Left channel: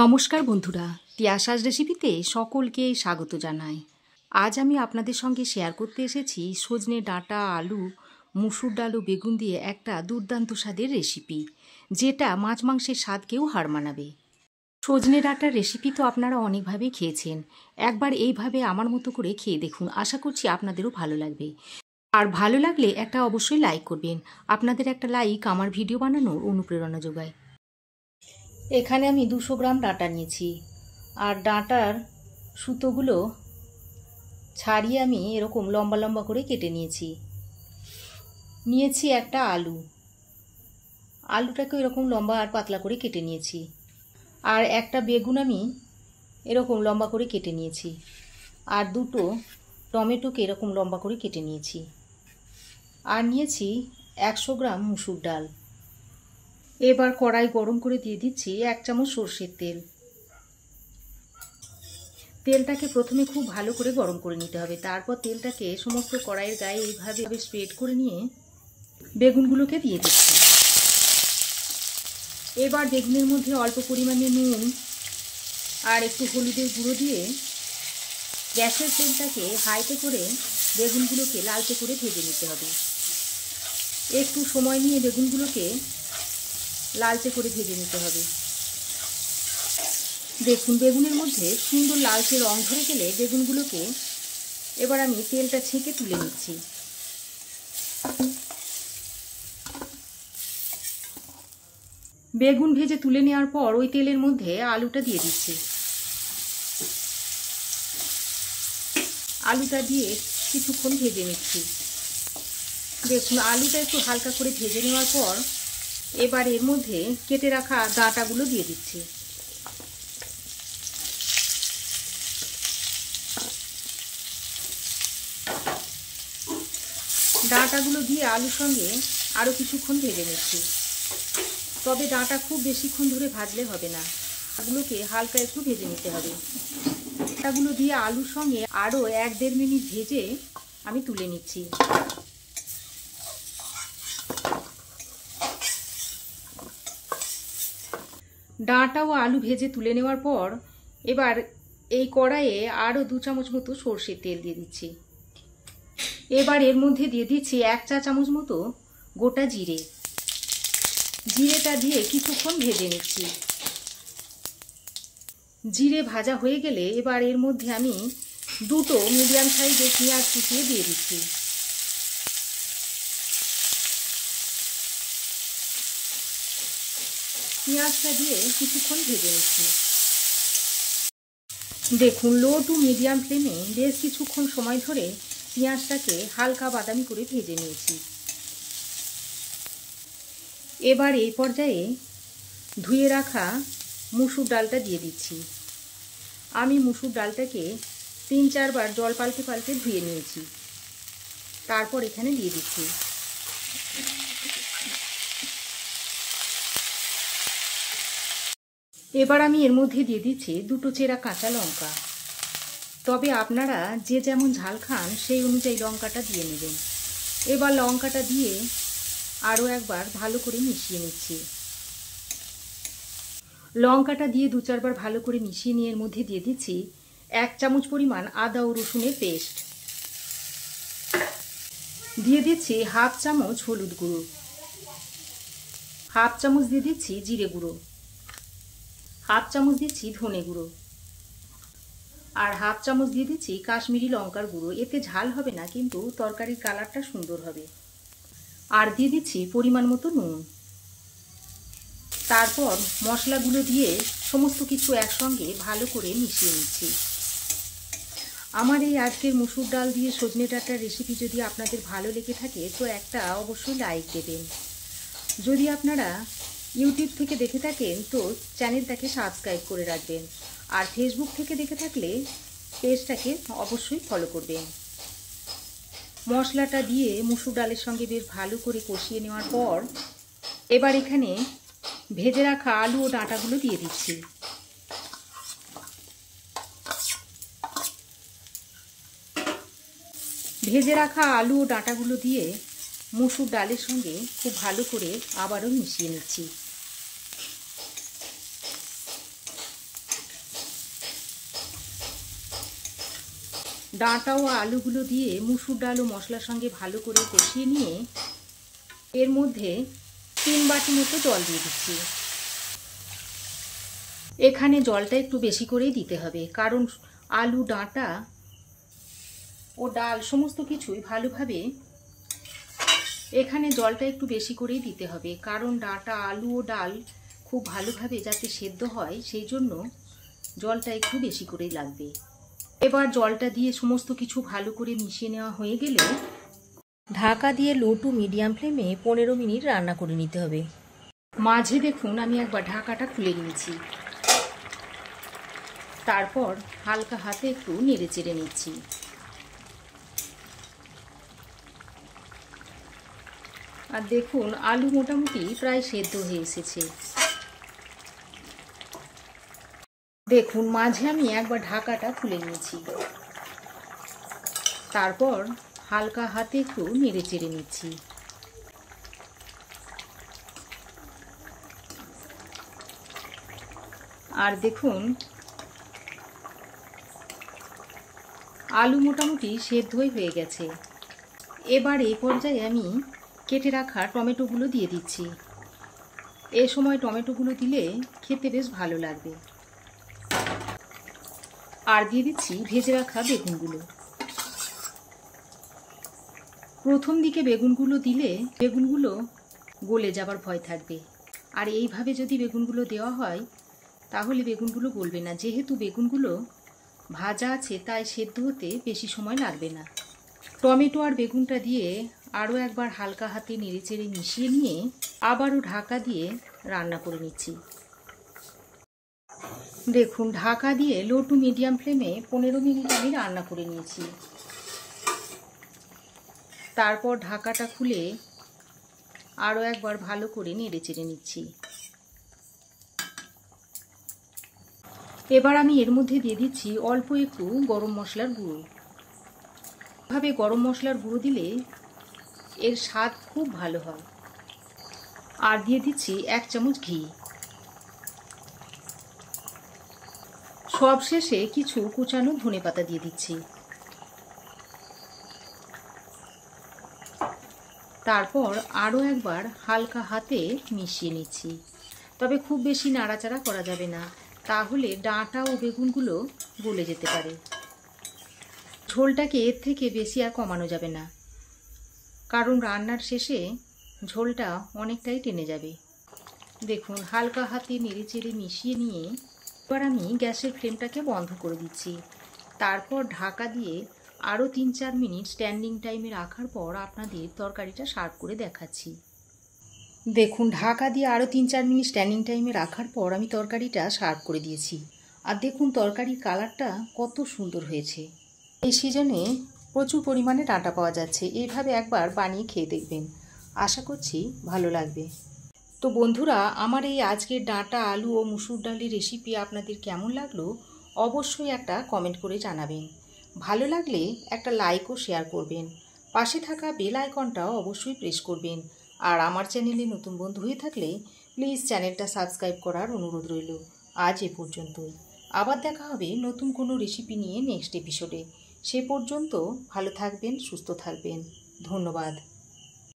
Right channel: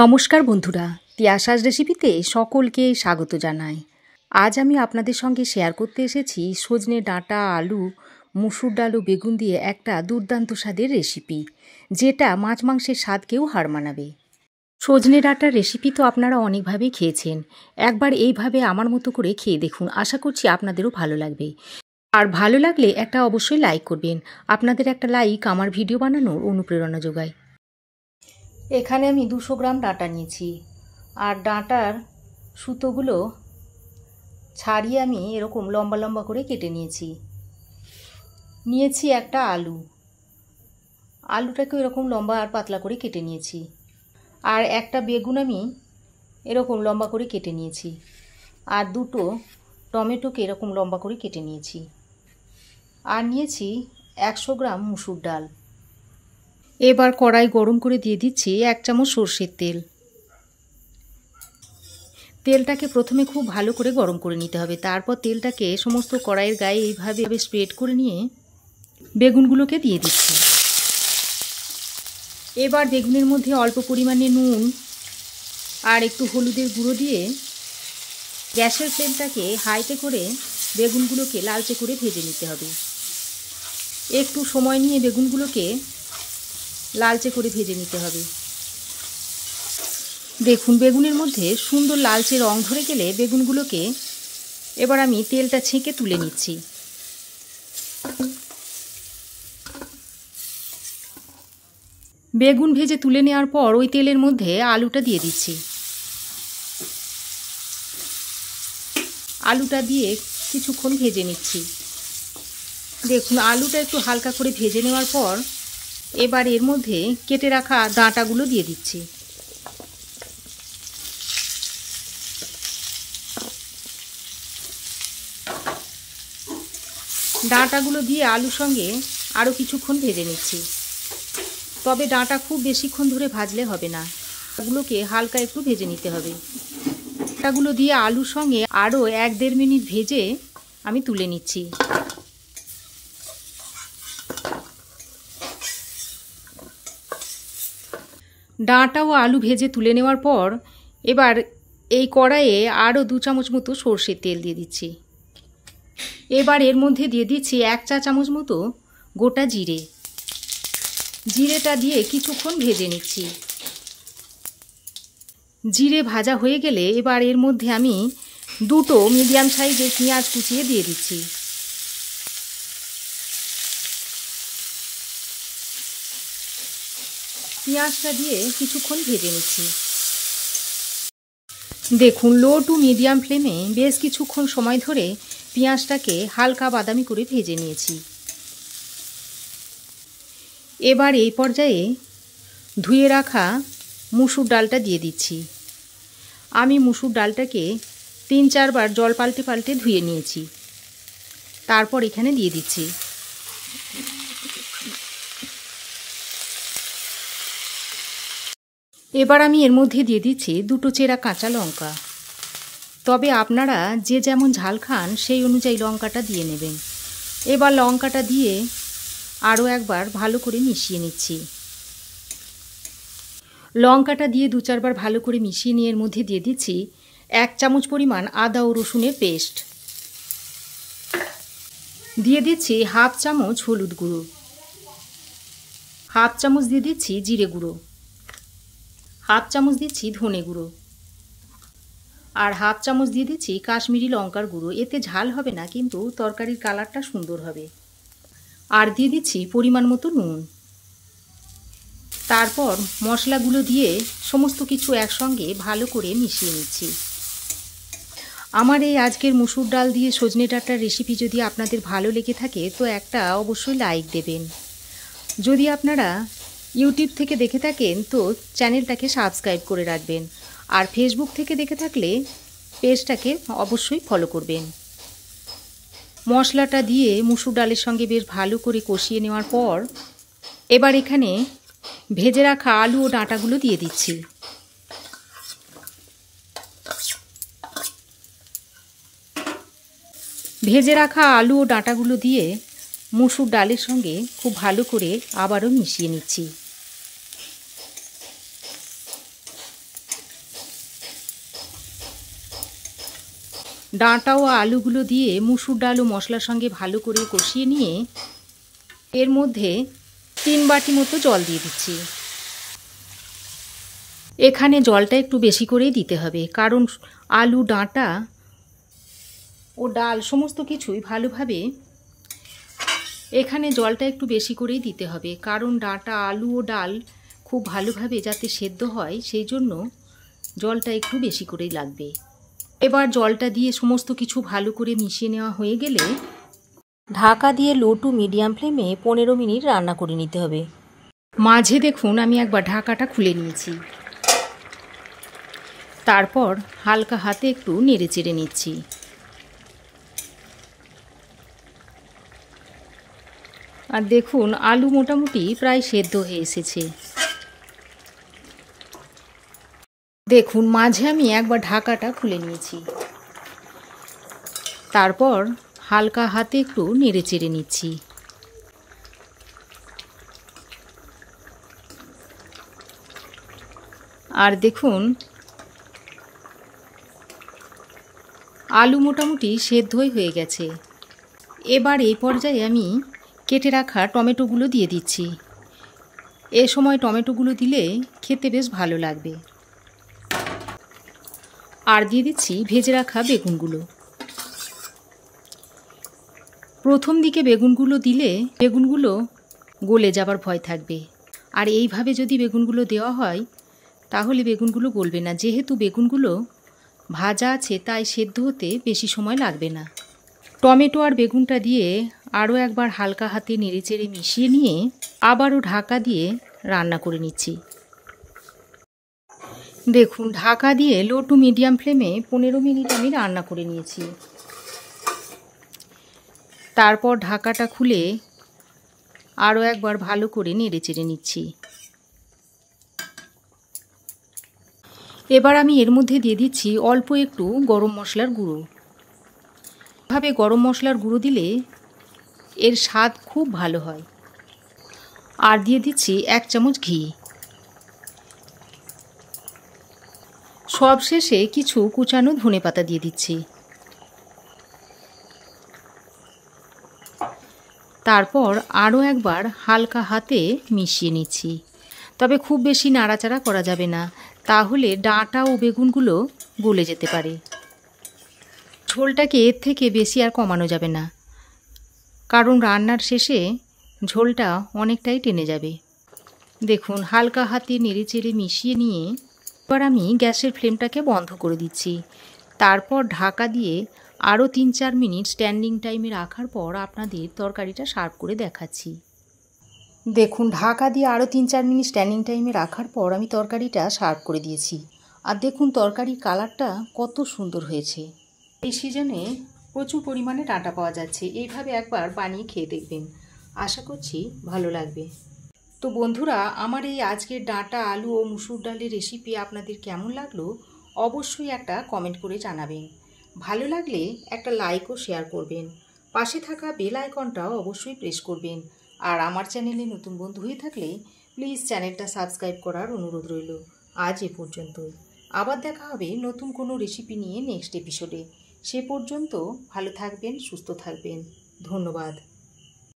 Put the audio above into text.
নমস্কার বন্ধুরা, তিয়াশাস রেসিপিতে সকলকে স্বাগত জানাই। আজ আমি আপনাদের সঙ্গে শেয়ার করতে এসেছি সজনে ডাঁটা, আলু, মুসুর ডাল ও বেগুন দিয়ে একটা দুর্দান্ত স্বাদের রেসিপি, যেটা মাছ মাংসের স্বাদকেও হার মানাবে। সজনে ডাঁটার রেসিপি তো আপনারা অনেকভাবেই খেয়েছেন, একবার এইভাবে আমার মতো করে খেয়ে দেখুন, আশা করছি আপনাদেরও ভালো লাগবে। আর ভালো লাগলে একটা অবশ্যই লাইক করবেন, আপনাদের একটা লাইক আমার ভিডিও বানানোর অনুপ্রেরণা যোগায়। এখানে আমি 200 গ্রাম ডাঁটা নিয়েছি, আর ডাঁটার সুতোগুলো ছাড়িয়ে আমি এরকম লম্বা লম্বা করে কেটে নিয়েছি একটা আলুটাকে এরকম লম্বা আর পাতলা করে কেটে নিয়েছি। আর একটা বেগুন আমি এরকম লম্বা করে কেটে নিয়েছি, আর দুটো টমেটোকে এরকম লম্বা করে কেটে নিয়েছি। আর নিয়েছি 100 গ্রাম মুসুর ডাল। এবার কড়াই গরম করে দিয়ে দিচ্ছি 1 চামচ সরষের তেল। তেলটাকে প্রথমে খুব ভালো করে গরম করে নিতে হবে, তারপর তেলটাকে সমস্ত কড়াইয়ের গায়ে এইভাবে স্প্রেড করে নিয়ে বেগুনগুলোকে দিয়ে দিচ্ছি। এবার বেগুনের মধ্যে অল্প পরিমাণে নুন আর একটু হলুদের গুঁড়ো দিয়ে গ্যাসের ফ্লেমটাকে হাইতে করে বেগুনগুলোকে লালচে করে ভেজে নিতে হবে। একটু সময় নিয়ে বেগুনগুলোকে লালচে করে ভেজে নিতে হবে। দেখুন, বেগুনের মধ্যে সুন্দর লালচে রং ধরে গেলে বেগুনগুলোকে এবার আমি তেলটা ছেঁকে তুলে নিচ্ছি। বেগুন ভেজে তুলে নেওয়ার পর ওই তেলের মধ্যে আলুটা দিয়ে দিচ্ছি। আলুটা দিয়ে কিছুক্ষণ ভেজে নিচ্ছি। দেখুন, আলুটা একটু হালকা করে ভেজে নেওয়ার পর এবার এর মধ্যে কেটে রাখা ডাঁটাগুলো দিয়ে দিচ্ছি। ডাঁটাগুলো দিয়ে আলুর সঙ্গে আরও কিছুক্ষণ ভেজে নিচ্ছি। তবে ডাঁটা খুব বেশিক্ষণ ধরে ভাজলে হবে না, এগুলোকে হালকা একটু ভেজে নিতে হবে। ডাঁটাগুলো দিয়ে আলুর সঙ্গে আরও 1-1.5 মিনিট ভেজে আমি তুলে নিচ্ছি। ডাঁটা ও আলু ভেজে তুলে নেওয়ার পর এবার এই কড়াইয়ে আরও 2 চামচ মতো সরষের তেল দিয়ে দিচ্ছি। এবার এর মধ্যে দিয়ে দিচ্ছি 1 চা চামচ মতো গোটা জিরে। জিরেটা দিয়ে কিছুক্ষণ ভেজে নিচ্ছি। জিরে ভাজা হয়ে গেলে এবার এর মধ্যে আমি 2টো মিডিয়াম সাইজের পেঁয়াজ কুচিয়ে দিয়ে দিচ্ছি। পেঁয়াজটা দিয়ে কিছুক্ষণ ভেজে নিচ্ছি। দেখুন, লো টু মিডিয়াম ফ্লেমে বেশ কিছুক্ষণ সময় ধরে পেঁয়াজটাকে হালকা বাদামি করে ভেজে নিয়েছি। এবার এই পর্যায়ে ধুয়ে রাখা মুসুর ডালটা দিয়ে দিচ্ছি। আমি মুসুর ডালটাকে 3-4 বার জল পাল্টে পাল্টে ধুয়ে নিয়েছি, তারপর এখানে দিয়ে দিচ্ছি। এবার আমি এর মধ্যে দিয়ে দিচ্ছি 2টো চেরা কাঁচা লঙ্কা। তবে আপনারা যে যেমন ঝাল খান সেই অনুযায়ী লঙ্কাটা দিয়ে নেবেন। এবার লঙ্কাটা দিয়ে আরও একবার ভালো করে মিশিয়ে নিচ্ছি। লঙ্কাটা দিয়ে 2-4 বার ভালো করে মিশিয়ে নিয়ে এর মধ্যে দিয়ে দিচ্ছি 1 চামচ পরিমাণ আদা ও রসুনের পেস্ট। দিয়ে দিচ্ছি 1/2 চামচ হলুদ গুঁড়ো, 1/2 চামচ দিয়ে দিচ্ছি জিরে গুঁড়ো, 1/2 চামচ দিচ্ছি ধনে গুঁড়ো, আর 1/2 চামচ দিয়ে দিচ্ছি কাশ্মীরি লঙ্কার গুঁড়ো। এতে ঝাল হবে না, কিন্তু তরকারির কালারটা সুন্দর হবে। আর দিয়ে দিচ্ছি পরিমাণ মতো নুন। তারপর মশলাগুলো দিয়ে সমস্ত কিছু একসঙ্গে ভালো করে মিশিয়ে নিচ্ছি। আমার এই আজকের মুসুর ডাল দিয়ে সজনে ডাঁটার রেসিপি যদি আপনাদের ভালো লেগে থাকে তো একটা অবশ্যই লাইক দেবেন। যদি আপনারা ইউটিউব থেকে দেখে থাকেন তো চ্যানেলটাকে সাবস্ক্রাইব করে রাখবেন, আর ফেসবুক থেকে দেখে থাকলে পেজটাকে অবশ্যই ফলো করবেন। মশলাটা দিয়ে মুসুর ডালের সঙ্গে বেশ ভালো করে কষিয়ে নেওয়ার পর এবার এখানে ভেজে রাখা আলু ও ডাঁটাগুলো দিয়ে দিচ্ছি। ভেজে রাখা আলু ও ডাঁটাগুলো দিয়ে মুসুর ডালের সঙ্গে খুব ভালো করে আবারও মিশিয়ে নিচ্ছি। ডাঁটা ও আলুগুলো দিয়ে মুসুর ডাল ও মশলার সঙ্গে ভালো করে কষিয়ে নিয়ে এর মধ্যে 3 বাটি মতো জল দিয়ে দিচ্ছি। এখানে জলটা একটু বেশি করেই দিতে হবে, কারণ আলু, ডাঁটা ও ডাল সমস্ত কিছুই ভালোভাবে এখানে জলটা একটু বেশি করেই দিতে হবে, কারণ ডাঁটা, আলু ও ডাল খুব ভালোভাবে যাতে সেদ্ধ হয় সেই জন্য জলটা একটু বেশি করেই লাগবে। এবার জলটা দিয়ে সমস্ত কিছু ভালো করে মিশিয়ে নেওয়া হয়ে গেলে ঢাকা দিয়ে লো টু মিডিয়াম ফ্লেমে 15 মিনিট রান্না করে নিতে হবে। মাঝে দেখুন আমি একবার ঢাকাটা খুলে নিয়েছি, তারপর হালকা হাতে একটু নেড়ে চেড়ে নিচ্ছি। আর দেখুন আলু মোটামুটি প্রায় সেদ্ধ হয়ে এসেছে। দেখুন মাঝে আমি একবার ঢাকাটা খুলে নিয়েছি, তারপর হালকা হাতে একটু নেড়ে চেড়ে নিচ্ছি। আর দেখুন আলু মোটামুটি সেদ্ধই হয়ে গেছে। এবার এই পর্যায়ে আমি কেটে রাখা টমেটোগুলো দিয়ে দিচ্ছি। এ সময় টমেটোগুলো দিলে খেতে বেশ ভালো লাগবে। আর দিয়ে দিচ্ছি ভেজে রাখা বেগুনগুলো। প্রথম দিকে বেগুনগুলো দিলে বেগুনগুলো গলে যাবার ভয় থাকবে, আর এইভাবে যদি বেগুনগুলো দেওয়া হয় তাহলে বেগুনগুলো গলবে না। যেহেতু বেগুনগুলো ভাজা আছে তাই সেদ্ধ হতে বেশি সময় লাগবে না। টমেটো আর বেগুনটা দিয়ে আরও একবার হালকা হাতে নেড়েচেড়ে মিশিয়ে নিয়ে আবারও ঢাকা দিয়ে রান্না করে নিচ্ছি। দেখুন ঢাকা দিয়ে লো টু মিডিয়াম ফ্লেমে 15 মিনিট আমি রান্না করে নিয়েছি। তারপর ঢাকাটা খুলে আরও একবার ভালো করে নেড়েচেড়ে নিচ্ছি। এবার আমি এর মধ্যে দিয়ে দিচ্ছি অল্প একটু গরম মশলার গুঁড়ো। এভাবে গরম মশলার গুঁড়ো দিলে এর স্বাদ খুব ভালো হয়। আর দিয়ে দিচ্ছি 1 চামচ ঘি। সবশেষে কিছু কুচানো ধনেপাতা দিয়ে দিচ্ছি। তারপর আরও একবার হালকা হাতে মিশিয়ে নিচ্ছি। তবে খুব বেশি নাড়াচাড়া করা যাবে না, তাহলে ডাঁটা ও বেগুনগুলো গলে যেতে পারে। ঝোলটাকে এর থেকে বেশি আর কমানো যাবে না, কারণ রান্নার শেষে ঝোলটা অনেকটাই টেনে যাবে। দেখুন হালকা হাতে নেড়েচেড়ে মিশিয়ে নিয়ে এবার আমি গ্যাসের ফ্লেমটাকে বন্ধ করে দিচ্ছি। তারপর ঢাকা দিয়ে আরও 3-4 মিনিট স্ট্যান্ডিং টাইমে রাখার পর আপনাদের তরকারিটা সার্ভ করে দেখাচ্ছি। দেখুন ঢাকা দিয়ে আরও 3-4 মিনিট স্ট্যান্ডিং টাইমে রাখার পর আমি তরকারিটা সার্ভ করে দিয়েছি। আর দেখুন তরকারির কালারটা কত সুন্দর হয়েছে। এই সিজনে প্রচুর পরিমাণে ডাঁটা পাওয়া যাচ্ছে, এইভাবে একবার বানিয়ে খেয়ে দেখবেন, আশা করছি ভালো লাগবে। তো বন্ধুরা, আমার এই আজকের ডাঁটা, আলু ও মুসুর ডালের রেসিপি আপনাদের কেমন লাগলো অবশ্যই একটা কমেন্ট করে জানাবেন। ভালো লাগলে একটা লাইক ও শেয়ার করবেন। পাশে থাকা বেল আইকনটাও অবশ্যই প্রেস করবেন। আর আমার চ্যানেলে নতুন বন্ধু হয়ে থাকলে প্লিজ চ্যানেলটা সাবস্ক্রাইব করার অনুরোধ রইল। আজ এ পর্যন্তই। আবার দেখা হবে নতুন কোনো রেসিপি নিয়ে নেক্সট এপিসোডে। সে পর্যন্ত ভালো থাকবেন, সুস্থ থাকবেন। ধন্যবাদ।